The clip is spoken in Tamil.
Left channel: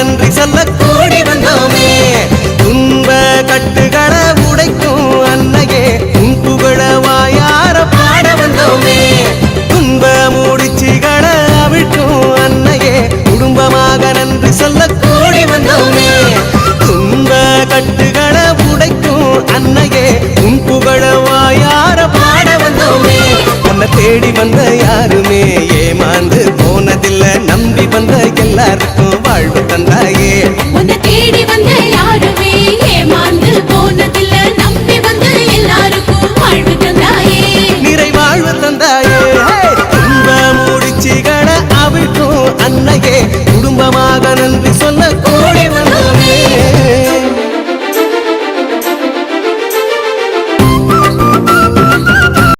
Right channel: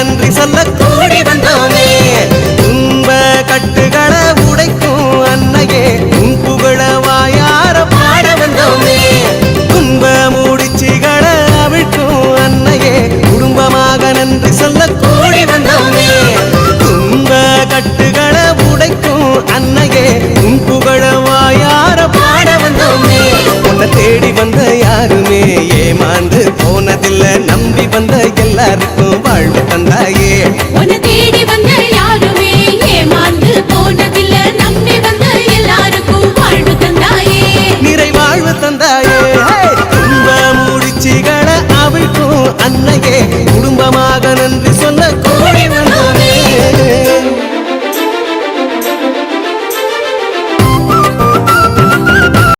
நன்றி சொல்ல கூடி வந்தோமே. துன்ப கட்டுகளை உடைக்கும் அன்னையே உன் புகழ வாயார பாட வந்தோமே. துன்ப முடிச்சுகளை அவிழ்க்கும் அன்னையே குடும்பமாக நன்றி சொல்ல கூடி வந்தோமே. துன்ப கட்டுகளை உடைக்கும் அன்னையே உன் புகழ வாயார பாட வந்தோமே. உன்னை தேடி வந்த யாருமே ஏமாந்து போனதில்ல, நம்பி வந்த எல்லாருக்கும் வாழ்வு தந்தாயே. உன்னை தேடி வந்த யாருமே ஏமாந்து போனதில்ல, நம்பி வந்த எல்லாருக்கும் வாழ்வு தந்தாயே. நிறைவாழ்வு தந்தாயே. துன்ப முடிச்சுகளை அவிழ்க்கும் அன்னையே குடும்பமாக நன்றி சொல்ல கூடி வந்தோமே.